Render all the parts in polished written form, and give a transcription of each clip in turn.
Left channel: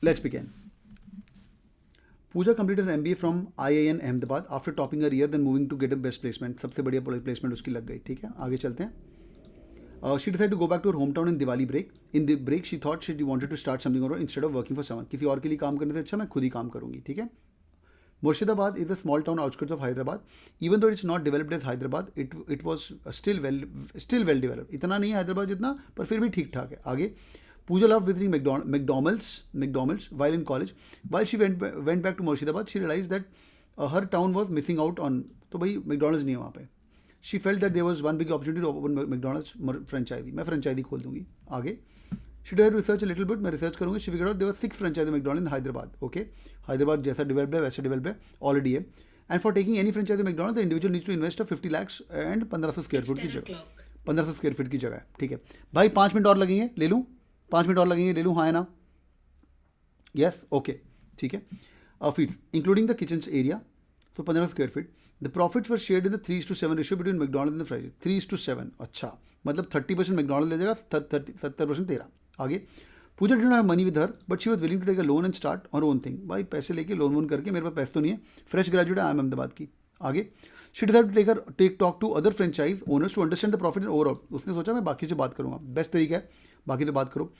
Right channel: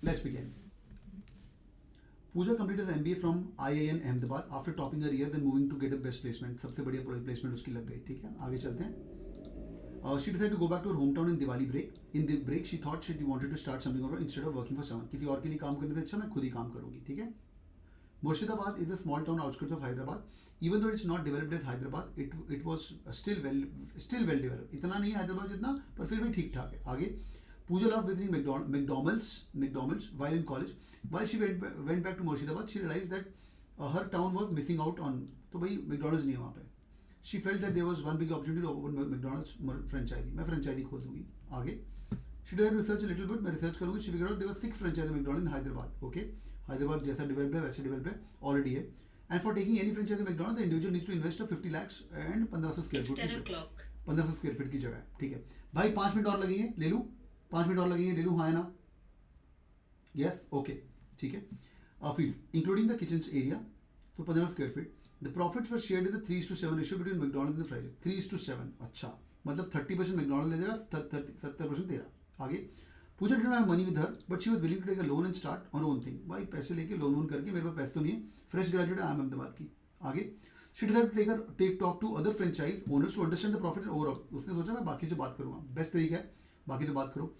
Let's begin. Pooja completed an MBA from IIN Ahmedabad after topping her year, then moving to get a best placement. सबसे बढ़िया placement उसकी लग गई. ठीक है, आगे चलते हैं. She decided to go back to her hometown in Diwali break. In the break, she thought she wanted to start something over instead of working for someone. किसी और के लिए काम करने से अच्छा मैं खुद ही काम करूँगी. ठीक है. Murshidabad is a small town outskirts of Hyderabad. Even though it's not developed as Hyderabad, it was still well developed. इतना नहीं है हैदराबाद जितना, पर फिर भी ठीक ठाक है. आगे. Pooja loved visiting McDonald's while in college. While she went back to Murshidabad, she realized that her town was missing out on. तो भाई McDonald's नहीं है वहाँ पे. She felt that there was one big opportunity to open McDonald's franchise. मैं franchise खोल दूँगी. आगे. She did research a little bit. मैं research करूँगी. She figured out there were 6 franchise McDonald's in Hyderabad. Okay. Hyderabad जैसा developed है वैसा developed है already है. And for taking any franchise of McDonald's, the individual needs to invest of 50 lakhs and 1500 square foot की जगह. 1500 square feet की जगह है. ठीक है. भाई 5 मिनट और लगेंगे. ले लूँ. 5 मिनट और लगेंगे. ले लूँ. हाँ है ना. यस. ओके. ठीक है. Field including the kitchen area. तो 1500 square feet. The profits were shared in the 3:7 ratio between McDonald's and fries. 3:7. अच्छा, मतलब 30% मैकडॉनल्ड्स ले जाएगा, 70% तेरा. आगे. Pooja did not have money with her, but she was willing to take a loan and start on own thing. भाई पैसे लेके loan वोन करके, मेरे पास पैसे तो नहीं है, फ्रेश ग्रेजुएट है, आई एम अहमदाबाद की. आगे. She decided to talk to other franchise owners to understand the profit overall. उसने सोचा मैं बाकी से बात करूँगा. बेस्ट तरीका है, बाकी तो बात करो.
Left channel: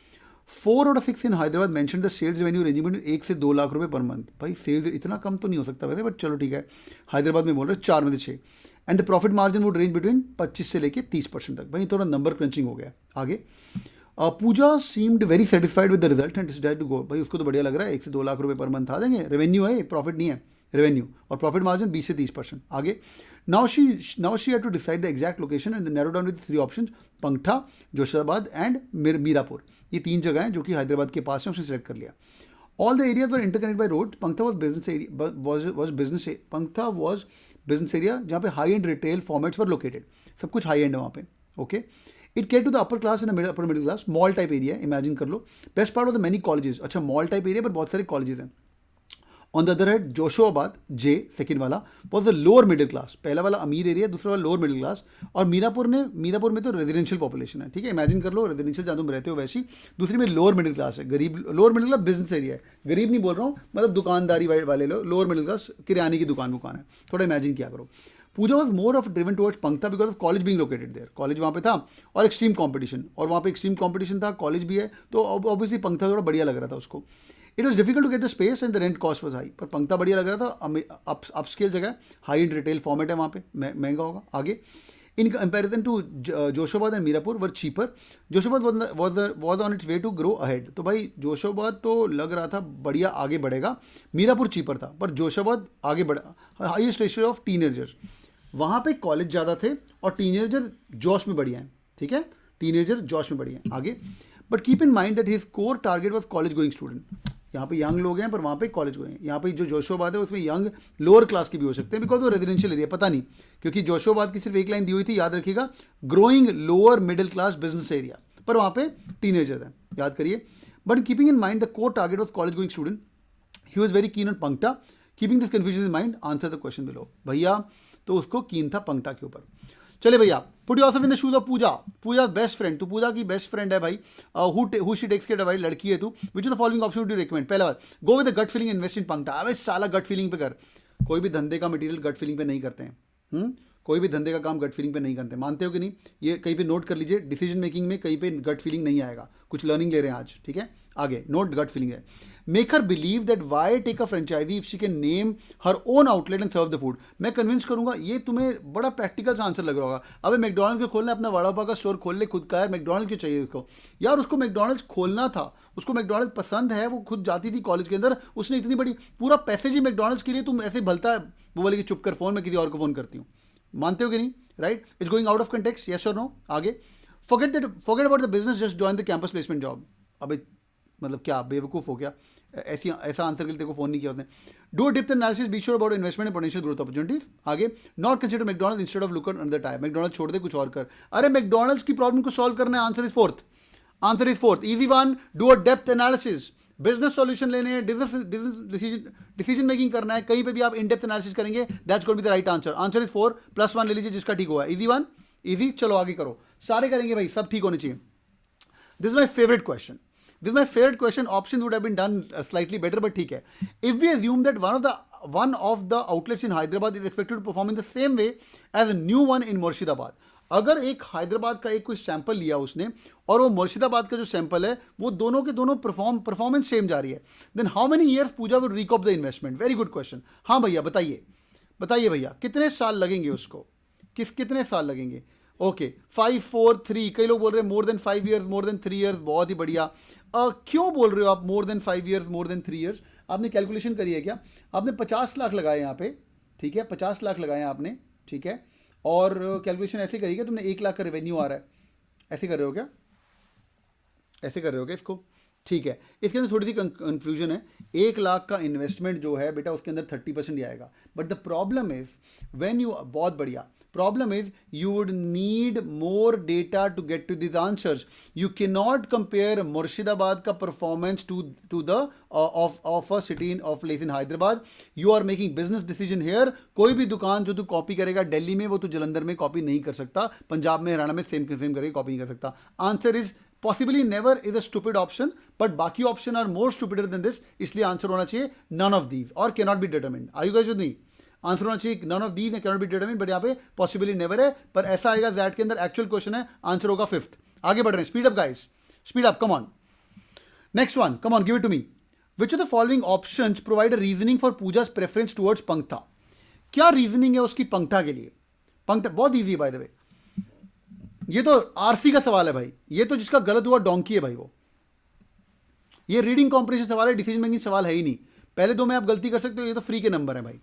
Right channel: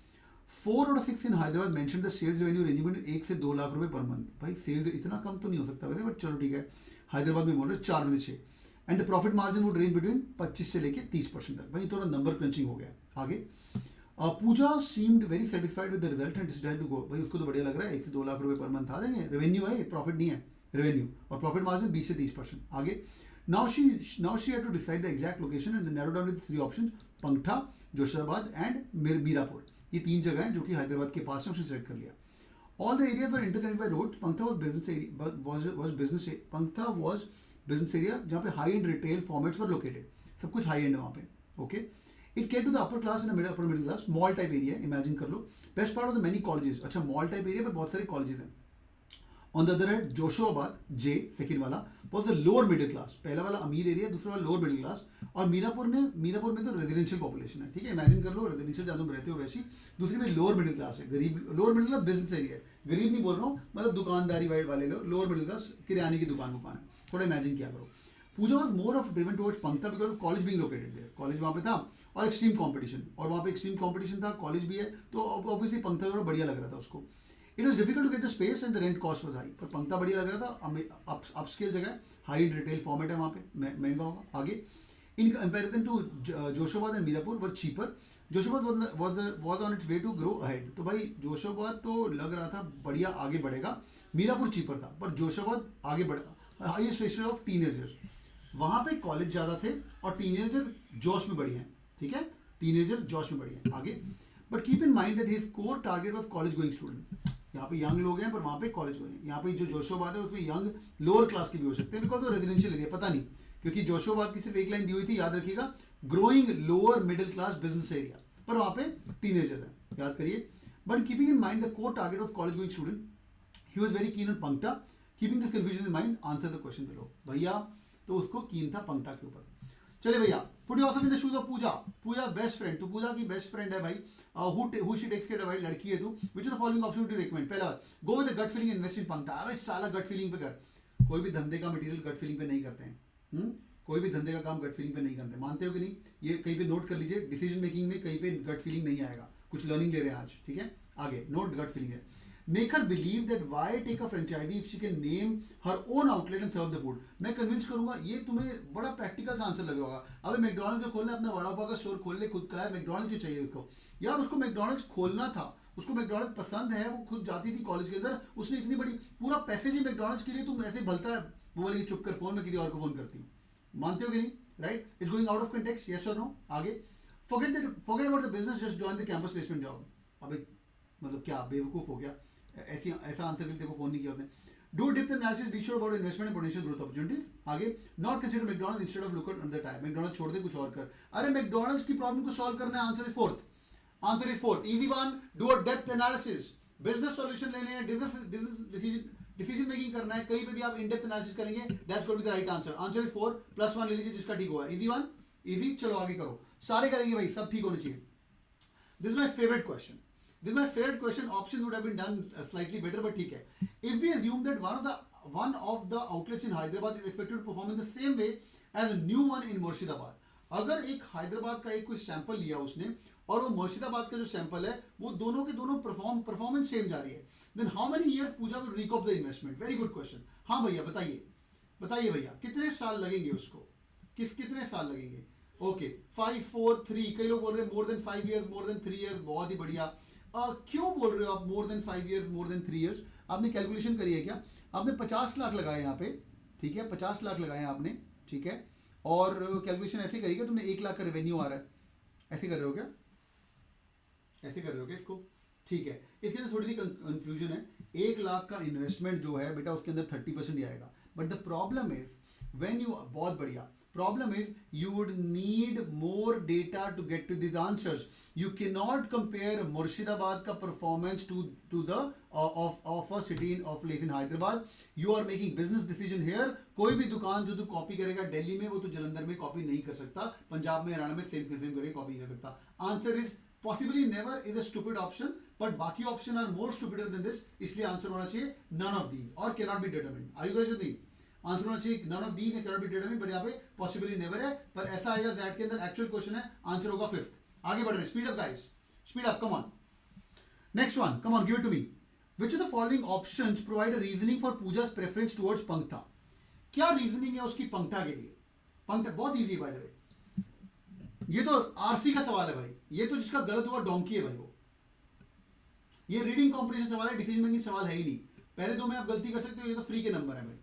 4 out of 6 in Hyderabad mention the sales revenue ranging between 1 से 2 लाख रुपए पर मंथ. भाई सेल्स इतना कम तो नहीं हो सकता वैसे, बट चलो ठीक है. हैदराबाद में बोल रहे 4 में से 6. And the profit margin would range between 25 से लेके 30% तक. भाई थोड़ा नंबर क्रंचिंग हो गया. आगे. Pooja seemed very satisfied with the result and decided to go. भाई उसको तो बढ़िया लग रहा है, 1 से 2 लाख रुपए पर मंथ आ जाएंगे. रेवेन्यू है, प्रॉफिट नहीं है. रेवेन्यू और प्रॉफिट मार्जिन 20 से 30%. आगे. Now she had to decide the exact location and then narrow down with 3 options: Pangatha, Joshabad and Mirapur. ये 3 जगह हैं जो कि हैदराबाद के पास है, उसने सेलेक्ट कर लिया. All the areas were interconnected by roads. पंगठा was business area जहाँ पे high end retail formats were located. सब कुछ high end है वहाँ पे. Okay. It catered to the upper class and the upper middle class. Mall type area, imagine कर लो. Best part of the many colleges. अच्छा, mall type area पर बहुत सारे colleges हैं. On the other hand, जोशाबाद J second वाला was the lower middle class. पहला वाला अमीर एरिया, दूसरा वाला लोअर मिडिल क्लास. और मीरापुर में तो रेजिडेंशियल पॉपुलेशन है. ठीक है, इमेजिन कर लो रेजिडेंशियल जहाँ तुम रहते हो वैसी. दूसरी में लोअर मिडिल क्लास है, गरीब. Lower middle class business area है, गरीब नहीं बोल रहा हूँ, मतलब दुकानदारी वाले लोग. लोअर मिडिल क्लास किराने की दुकान है. थोड़ा इमेजिन क्या करो. Pooja was more of driven towards Pankta because of college being located there. College वहाँ पे था और एक्सट्रीम कॉम्पिटिशन, और वहाँ पे एक्सट्रीम कॉम्पिटिशन था, कॉलेज भी है, तो ऑब्वियसली पंक्ता थोड़ा बढ़िया लग रहा था उसको. It was difficult to get the space and the rent cost was high. पर पंक्ता बढ़िया लग रहा था, अपस्केल जगह, हाई एंड रिटेल फॉर्मेट है वहाँ पे, महंगा होगा. आगे. In comparison to Joshabad and Mirapur were cheaper. Joshabad was on its way to grow ahead. तो भाई जोशाबाद तो लग रहा था बढ़िया आगे बढ़ेगा, मीरापुर चीपर था, पर जोशाबाद आगे बढ़ा. हाईएस्ट रेशियो ऑफ टीनेजर्स, वहाँ पे कॉलेज ज़्यादा थे और टीनेजर जोश में बढ़िया हैं. ठीक है, टीनेजर जोश में बढ़िया हैं. आगे. But keep in mind that his core target was college going student. यहाँ पे यंग लोग हैं पर वहाँ पे कॉलेज गए हैं. यहाँ पे जो जोशाबाद है उसमें यंग लोअर क्लास की भी हो सकते हैं, बिकॉज वो रेजिडेंशियल एरिया, पता नहीं, क्योंकि जोशाबाद की सिर्फ एक लाइन दी हुई थी, याद रखिएगा, growing lower middle class business area, पर वहाँ पे टीनेजर है, याद करिए. But keeping in mind the core target of college going student, he was very keen on पंक्टा. Keeping this confusion in mind, answer the question below. भैया तो उसको कीन था पंक्टा के ऊपर. चले भैया. Put yourself in the shoes of Pooja. Pooja best friend, तू पूजा की बेस्ट फ्रेंड है भाई. Who she takes care of, भाई लड़की है तू. Which is the following option would you recommend? पहला बात, go with the gut feeling, invest in Pankta. अबे साला गट फीलिंग पे कर. कोई भी धंधे का मटेरियल गट फीलिंग पे नहीं करते हैं. कोई भी धंधे का काम गट फीलिंग पे नहीं करते, मानते हो कि नहीं? ये कहीं पे नोट कर लीजिए, डिसीजन मेकिंग में कहीं पे गट फीलिंग नहीं आएगा. कुछ लर्निंग ले रहे हैं आज. ठीक है, आगे. नोट गट फीलिंग है. Make her believe that why take a franchisee if she can name her own outlet and serve the food. मैं कन्विंस करूंगा. ये तुम्हें बड़ा प्रैक्टिकल सा आंसर लग रहा होगा. अबे मैकडॉनल्ड्स को खोलना, अपना वड़ा पाव का स्टोर खोल ले खुद का है. मैकडॉनल्ड्स क्यों चाहिए उसको? यार उसको मैकडॉनल्ड्स खोलना था, उसको मैकडॉनल्ड्स पसंद है, वो खुद जाती थी कॉलेज के अंदर, उसने इतनी बड़ी पूरा पैसेज ही मैकडॉनल्ड्स के लिए. तुम ऐसे भलता है वो बोले कि चुप कर, फोन में किसी और को फोन करती हूँ. मानते हो कि नहीं? Right. It's going out of context, yes और नो? आगे. Forget about the business, just join the campus placement job. अबे मतलब क्या बेवकूफ़ हो गया? ऐसा आंसर के लिए तेको फोन नहीं किया उसने. Do depth analysis, be sure about investment and potential growth opportunities. आगे. Not consider McDonald's instead of look at another type. McDonald's छोड़ दे, कुछ और कर. अरे मैकडॉनल्ड्स की प्रॉब्लम को सॉल्व करना है. Answer is fourth. Easy one. Do a depth analysis. Business solution लेने हैं, डिसीजन मेकिंग करना है, कहीं पे भी आप इन डेप्थ एनालिसिस करेंगे, that's going to be the right answer. Answer is 4 +1 ले लीजिए जिसका ठीक हुआ. Easy one. इजी, चलो आगे करो, सारे करेंगे भाई, सब ठीक होने चाहिए. This is my favorite question. This is my favorite question. Options would have been done slightly better, but ठीक है. If we assume that one of the outlets in Hyderabad is expected to perform in the same way as a new one in Murshidabad. अगर एक हैदराबाद का एक कोई sample लिया उसने और वो मुर्शिदाबाद का जो सैंपल है वो दोनों के दोनों परफॉर्मेंस सेम जा रही है, then how many years Pooja will recoup the investment? Very good question. हाँ भैया बताइए, बताइए भैया कितने साल लगेंगे उसको, कितने साल लगेंगे? ओके 5 4 3, कई लोग बोल रहे हैं more than 5 years, more than 3 years, बहुत ही बढ़िया. क्यों बोल रहे हो आप more than 5 years, more than 3 years? आपने कैलकुलेशन करी है क्या? आपने 50 लाख लगाए यहाँ पे, ठीक है, 50 लाख लगाए आपने, ठीक है, और कैलकुलेशन ऐसे करी क्या तुमने? 1 लाख का रेवेन्यू आ रहा है, ऐसे कर रहे हो क्या? ऐसे कर रहे हो क्या इसको? ठीक है, इसके अंदर थोड़ी सी कंफ्यूजन है. 1 लाख का इन्वेस्टमेंट जो है बेटा उसके अंदर 30% ही आएगा. But the problem is when you, बहुत बढ़िया, problem is you would need more data to get to this answers. You can not compare Murshidabad का performance to the of a city in of place in Hyderabad. You are making business decision here. कोई भी दुकान जो तू copy करेगा दिल्ली में वो तू जलंधर में कॉपी नहीं कर सकता, पंजाब में हरियाणा में सेम करके कॉपी नहीं कर सकता. Answer is possibly never is a stupid option, but बाकी option are more stupider than this. इसलिए आंसर होना चाहिए none of these or cannot be determined. Are you guys with me? Answer होना चाहिए none of these and cannot be determined, but यहाँ पे possibly never है, पर ऐसा आएगा Z के अंदर एक्चुअल क्वेश्चन है, आंसर होगा 5th. आगे बढ़ रहे हैं, speed up guys, speed up, come on. Next one, come on, give it to me. Which of the following options provide a reasoning for Pooja's preference towards Pankta? क्या reasoning है उसकी पंक्ता के लिए? पंक्ता बहुत ईजी है बाय द वे. ये तो RC का सवाल है भाई, ये तो जिसका गलत हुआ डोंकी है भाई वो. ये रीडिंग कॉम्प्रिहेंशन सवाल है, डिसीजन मेकिंग सवाल है ही नहीं. पहले दो में आप गलती कर सकते हो, ये तो फ्री के नंबर है भाई.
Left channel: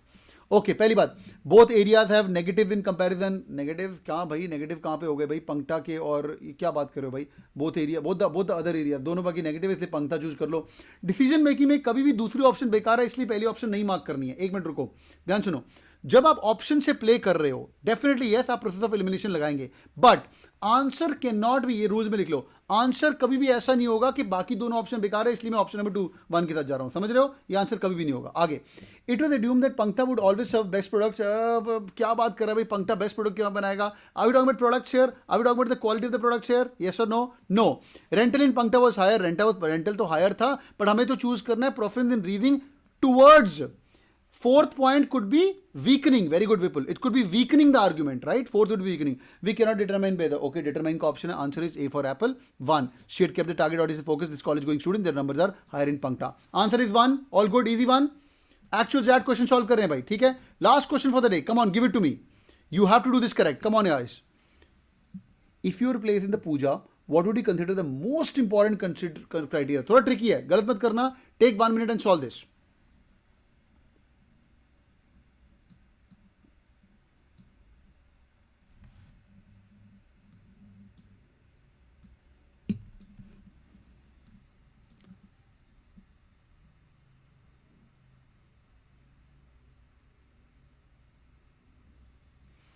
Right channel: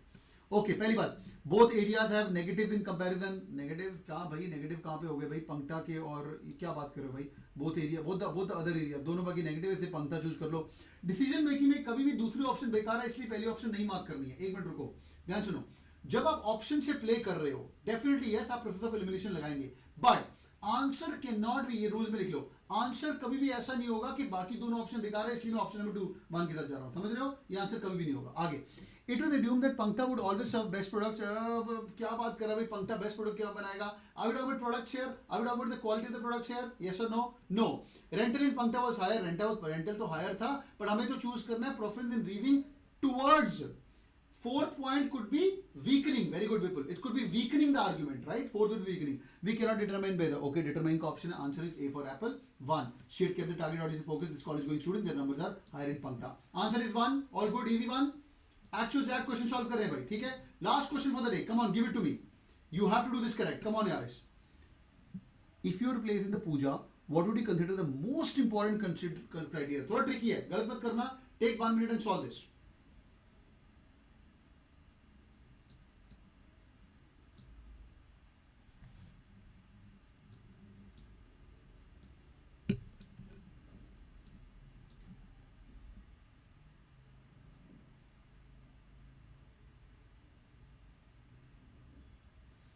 ओके, पहली बात, both areas have negative in comparison. Negative कहाँ भाई, नेगेटिव कहाँ पे हो गए भाई? पंक्ता के और क्या बात कर रहे हो भाई? Both area, both the other area, दोनों बाकी नेगेटिव, इसलिए पंक्ता चूज कर लो. डिसीजन मेकिंग में कभी भी दूसरी ऑप्शन बेकार है, इसलिए पहली ऑप्शन नहीं मार्क करनी है. एक मिनट रुको, ध्यान सुनो. जब आप ऑप्शन से प्ले कर रहे हो, डेफिनेटली यस आप प्रोसेस ऑफ एलिमिनेशन लगाएंगे, but answer can not be, ये रूल में लिख लो, आंसर कभी भी ऐसा नहीं होगा कि बाकी दोनों ऑप्शन बेकार है इसलिए मैं ऑप्शन नंबर 2 1 के साथ जा रहा हूं. समझ रहे हो? ये आंसर कभी भी नहीं होगा. आगे, it was assumed that Pankta would always serve best products. क्या बात कर रहा है भाई, पंक्ता बेस्ट प्रोडक्ट क्यों बनाएगा? Are we talking about product share? Are we talking about the quality of the product share? Yes और no? No. Rental in Pankta was higher, rental तो हायर था, बट हमें तो चूज करना है preference in reading towards. Fourth point could be weakening. Very good, Vipul. It could be weakening the argument, right? Fourth would be weakening. We cannot determine whether. Okay, determine का option है. Answer is A for apple. 1. She had kept the target audience focus. This college going student, their numbers are higher in Pankta. Answer is 1. All good, easy 1. Actual Z question solve कर रहे हैं भाई, ठीक है? Last question for the day. Come on, give it to me. You have to do this correct. Come on, guys. If you were placed in the puja, what would you consider the most important criteria? थोड़ा tricky है, गलत मत करना. Take 1 minute and solve this.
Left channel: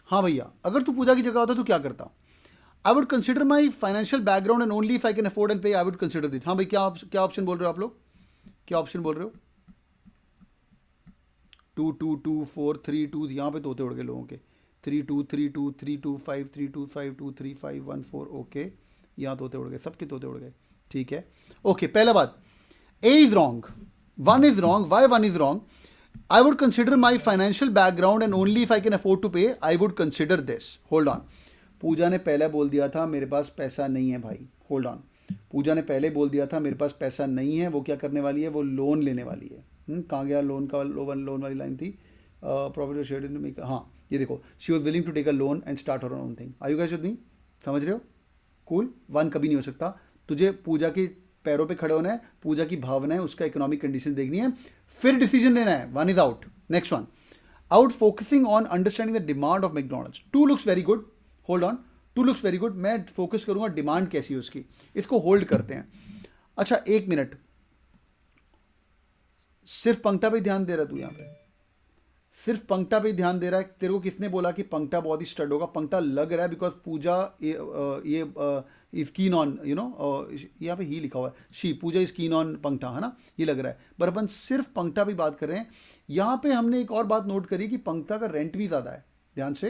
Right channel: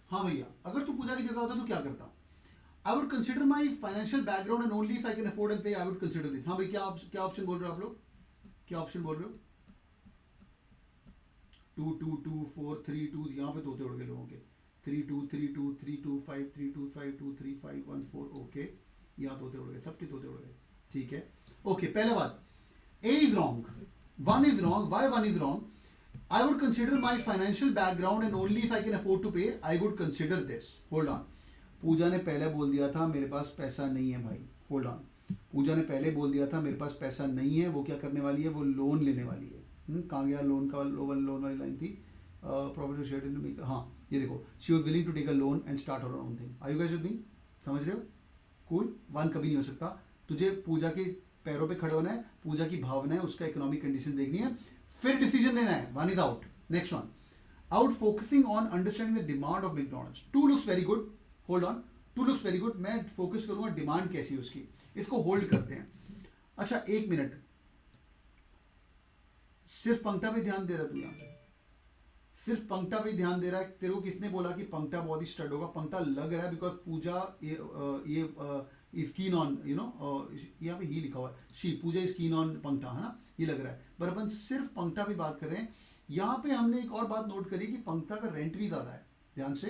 हाँ भैया, अगर तू पूजा की जगह होता तो क्या करता? I would consider my financial background and only if I can afford and पे आई वुड कंसिडर दिस. हाँ भाई, क्या ऑप्शन बोल रहे हो आप लोग? क्या ऑप्शन बोल रहे हो? 2 2 2 4 3 2, यहाँ पे तोते उड़ गए लोगों के. 3 2 3 2 3 2 5 3 2 5 2 3 5 1 4. ओके, यहाँ तोते उड़ गए, सबके तोते उड़ गए, ठीक है. ओके, पहला बात, ए is wrong, 1 is wrong. Why 1 is wrong? I would consider my financial background and only if I can afford to pay, I would consider this. Hold on. पूजा ने पहले बोल दिया था मेरे पास पैसा नहीं है भाई. Hold on. पूजा ने पहले बोल दिया था मेरे पास पैसा नहीं है. वो क्या करने वाली है? वो लोन लेने वाली है. कहाँ गया लोन का? लोन वाली लाइन थी. प्रॉफिट शेयर, हाँ ये देखो, she was willing to take a loan and start her own thing. Are you guys with me? समझ रहे हो? कूल. 1 कभी नहीं हो सकता. तुझे पूजा के पैरों पे खड़े होना है, पूजा की भावना है, उसका इकोनॉमिक कंडीशन देखनी है, फिर डिसीजन लेना है. 1 is out. Next one, out focusing on understanding the demand of McDonald's. 2 looks very good. Hold on. 2 looks very good. मैं फोकस करूंगा डिमांड कैसी है उसकी. इसको होल्ड करते हैं. अच्छा 1 मिनट, सिर्फ पंक्ता पे ध्यान दे रहा तू? यहाँ पे सिर्फ पंक्ता पे ध्यान दे रहा है. तेरे को किसने बोला कि पंक्ता बहुत ही स्टड होगा? पंक्ता लग रहा है बिकॉज पूजा ये is keen on, you know, यहाँ पे ही लिखा हुआ है, she, Pooja is keen on Pankta, है ना, ये लग रहा है. पर अपन सिर्फ पंक्ता पे बात कर रहे हैं. यहाँ पे हमने एक और बात नोट करी कि पंक्ता का रेंट भी ज़्यादा है. ध्यान से,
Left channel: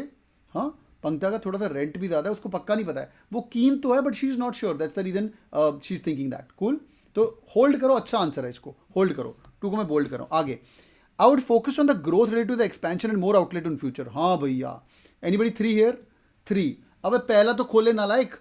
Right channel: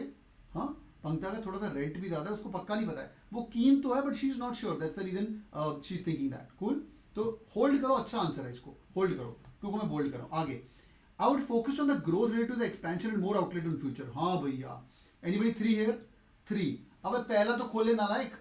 हाँ, पंक्ता का थोड़ा सा रेंट भी ज़्यादा है, उसको पक्का नहीं पता है, वो कीन तो है but she is not sure, that's the reason she is thinking that. Cool, तो होल्ड करो, अच्छा आंसर है, इसको होल्ड करो, 2 को मैं बोल्ड करो। आगे, I would focus on the growth related to the expansion and more outlet in future. हाँ भैया, एनीबडी 3 हियर? 3। अब पहला तो खोले नालायक,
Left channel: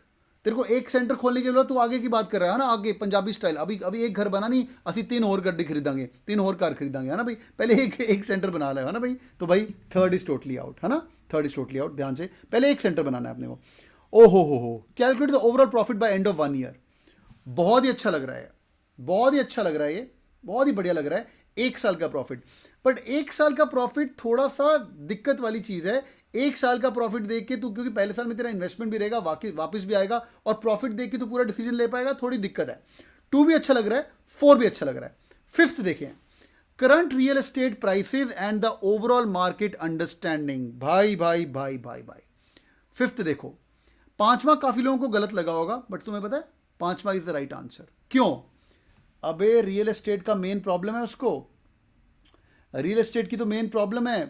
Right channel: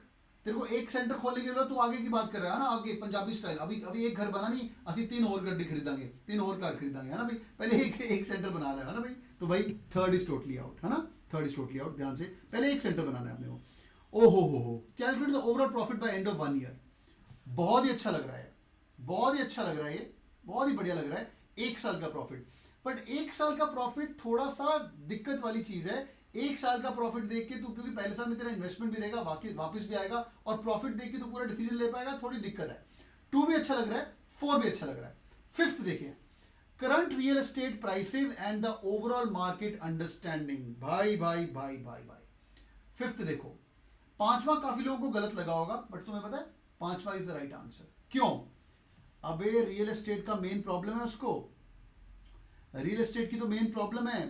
तेरे को एक सेंटर खोलने के लिए तू आगे की बात कर रहा है ना, आगे पंजाबी स्टाइल। अभी एक घर बना नहीं, असि 3 और गड्डी खरीदांगे, 3 और कार खरीदांगे, है ना भाई, पहले एक सेंटर बना लो, है ना भाई। तो भाई थर्ड इज टोटली आउट, है ना, थर्ड इज टोटली आउट। ध्यान से, पहले एक सेंटर बनाना है अपने को। ओ हो, calculate the overall profit by end of 1 year. बहुत ही अच्छा लग रहा है, बहुत ही अच्छा लग रहा है, ये बहुत ही बढ़िया लग रहा है। 1 साल का प्रॉफिट, बट 1 साल का प्रॉफिट थोड़ा सा दिक्कत वाली चीज है। 1 साल का प्रॉफिट देख के तू, क्योंकि पहले साल में तेरा इन्वेस्टमेंट भी रहेगा, वापस भी आएगा, और प्रॉफिट देख के तू पूरा डिसीजन ले पाएगा, थोड़ी दिक्कत है। 2 भी अच्छा लग रहा है, 4 भी अच्छा लग रहा है। 5th देखें, current real estate prices and the overall market understanding. भाई भाई भाई भाई भाई 5th देखो, 5वां काफी लोगों को गलत लगा होगा, बट तुम्हें पता है 5वां इज द राइट आंसर। क्यों? अबे रियल एस्टेट का मेन प्रॉब्लम है उसको, रियल एस्टेट की तो मेन प्रॉब्लम है।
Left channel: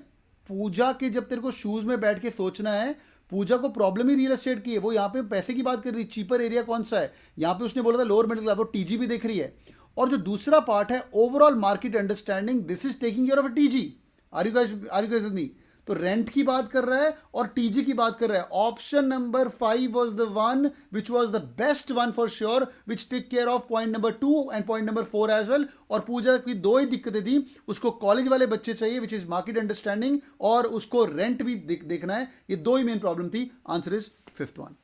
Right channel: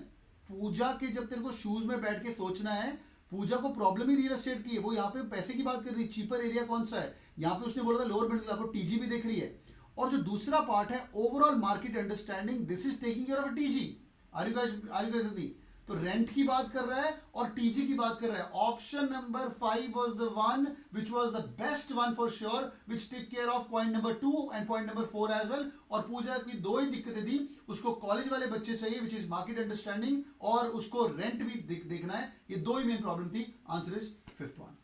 पूजा के जब तेरे को शूज में बैठ के सोचना है, पूजा को प्रॉब्लम ही रियल एस्टेट की है। वो यहाँ पे पैसे की बात कर रही है, चीपर एरिया कौन सा है, यहाँ पे उसने बोला था लोअर मिडिल क्लास, वो टीजी भी देख रही है। और जो दूसरा पार्ट है overall market understanding, this is taking care of a TG. Are you guys with me? तो रेंट की बात कर रहा है और टीजी की बात कर रहा है। Option number 5 was the one which was the best one for sure, which take care of point number 2 and point number 4 as well. और पूजा की 2 ही दिक्कतें थी, उसको कॉलेज वाले बच्चे चाहिए विच इज मार्केट अंडरस्टैंडिंग, और उसको रेंट भी देखना है। ये 2 ही मेन प्रॉब्लम थी। Answer is 5th one.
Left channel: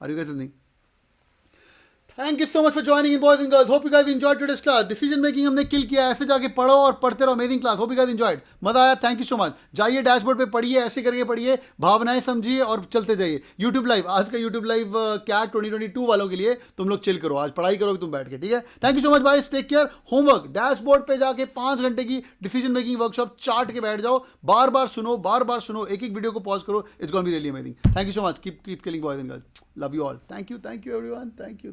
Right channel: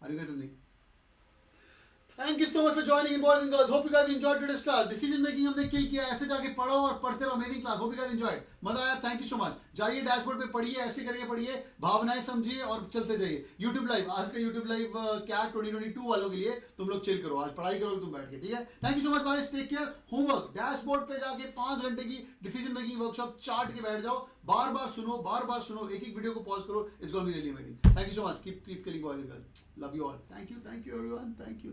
Are you guys with me? Thank you so much for joining in boys and girls. Hope you guys enjoyed today's class. Decision making हमने kill किया, ऐसे जाके पढ़ो और पढ़ते रहो। Amazing class, hope you guys enjoyed, मजा आया। Thank you so much. जाइए डैशबोर्ड पे पढ़िए, ऐसे करके पढ़िए, भावनाएं समझिए और चलते जाइए। यूट्यूब लाइव, आज का यूट्यूब लाइव क्या 2022 वालों के लिए, तुम लोग चिल करो, आज पढ़ाई करोगे तुम बैठ के, ठीक है। Thank you so much guys, take care. Homework, dashboard पे जाके 5 घंटे की डिसीजन मेकिंग वर्कशॉप चार्ट के बैठ जाओ, बार बार सुनो, एक एक वीडियो को पॉज करो। It's gonna be really amazing. Thank you so much. Keep killing boys and girls. Love you all. Thank you everyone. Thank you.